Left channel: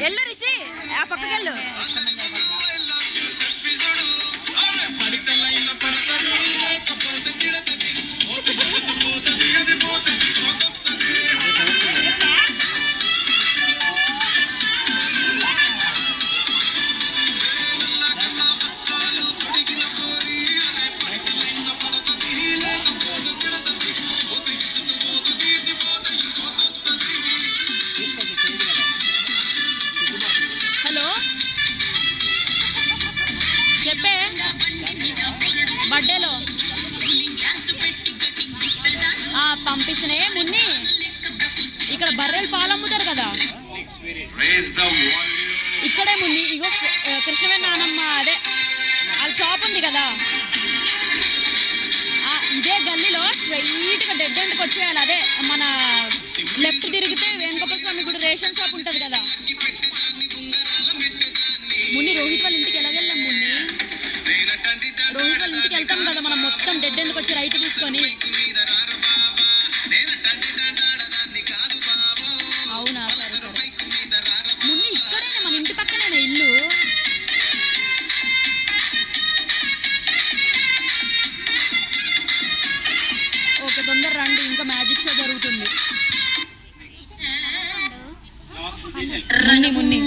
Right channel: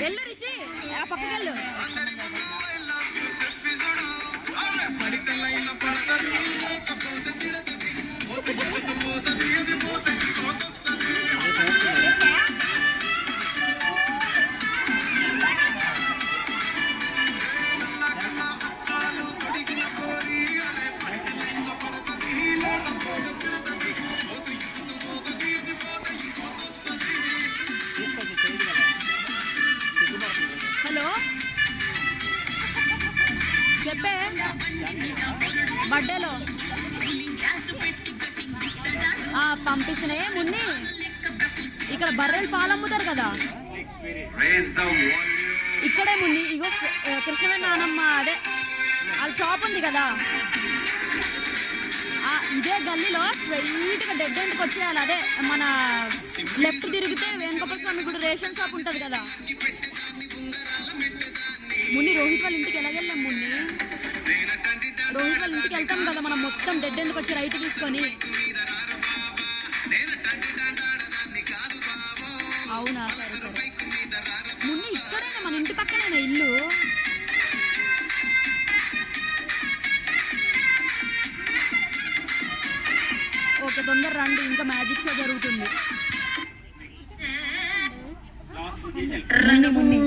వెళ్ళు రిషి, ఆ పక్కకెళ్ళు. హలో చెప్పే, బర్త్డేలో పంపిస్తున్నా. మున్ని ఇక్కడ బర్రెలు పాలు అమ్ముతారు కదా, ఇక్కడే మున్ని. ఇగో కృష్ణవేణి నానమ్మ అదే వాళ్ళ షాప్ ఉంది కదా, ఇదే గల్లీలో స్ట్రైట్గా డెడ్ ఎండ్కి వచ్చేయాలి. అదే మన లెఫ్ట్ తిరిగితే వేణుగోపాల స్వామి గుడి రేషన్ షాప్ ఉంటుంది కదా. మున్ని రోహిత్ వాళ్ళ ఇంటికి ఎలాగెళ్ళాం మున్ని? రోహిత్ వాళ్ళ ఇంటికి వెళ్తాం కదా మనం, మొత్తం డెడ్ ఎండ్కి వచ్చి రైట్ తీసుకొని. అవునా, సరే సరే మున్ని. ఇక్కడేనా మన ఇంటి పక్కనేనా ఇల్లు? ఓకే, తొందర రండి, ఇంకా మ్యాజిక్ షో జరుగుతుంది. మున్ని మున్ని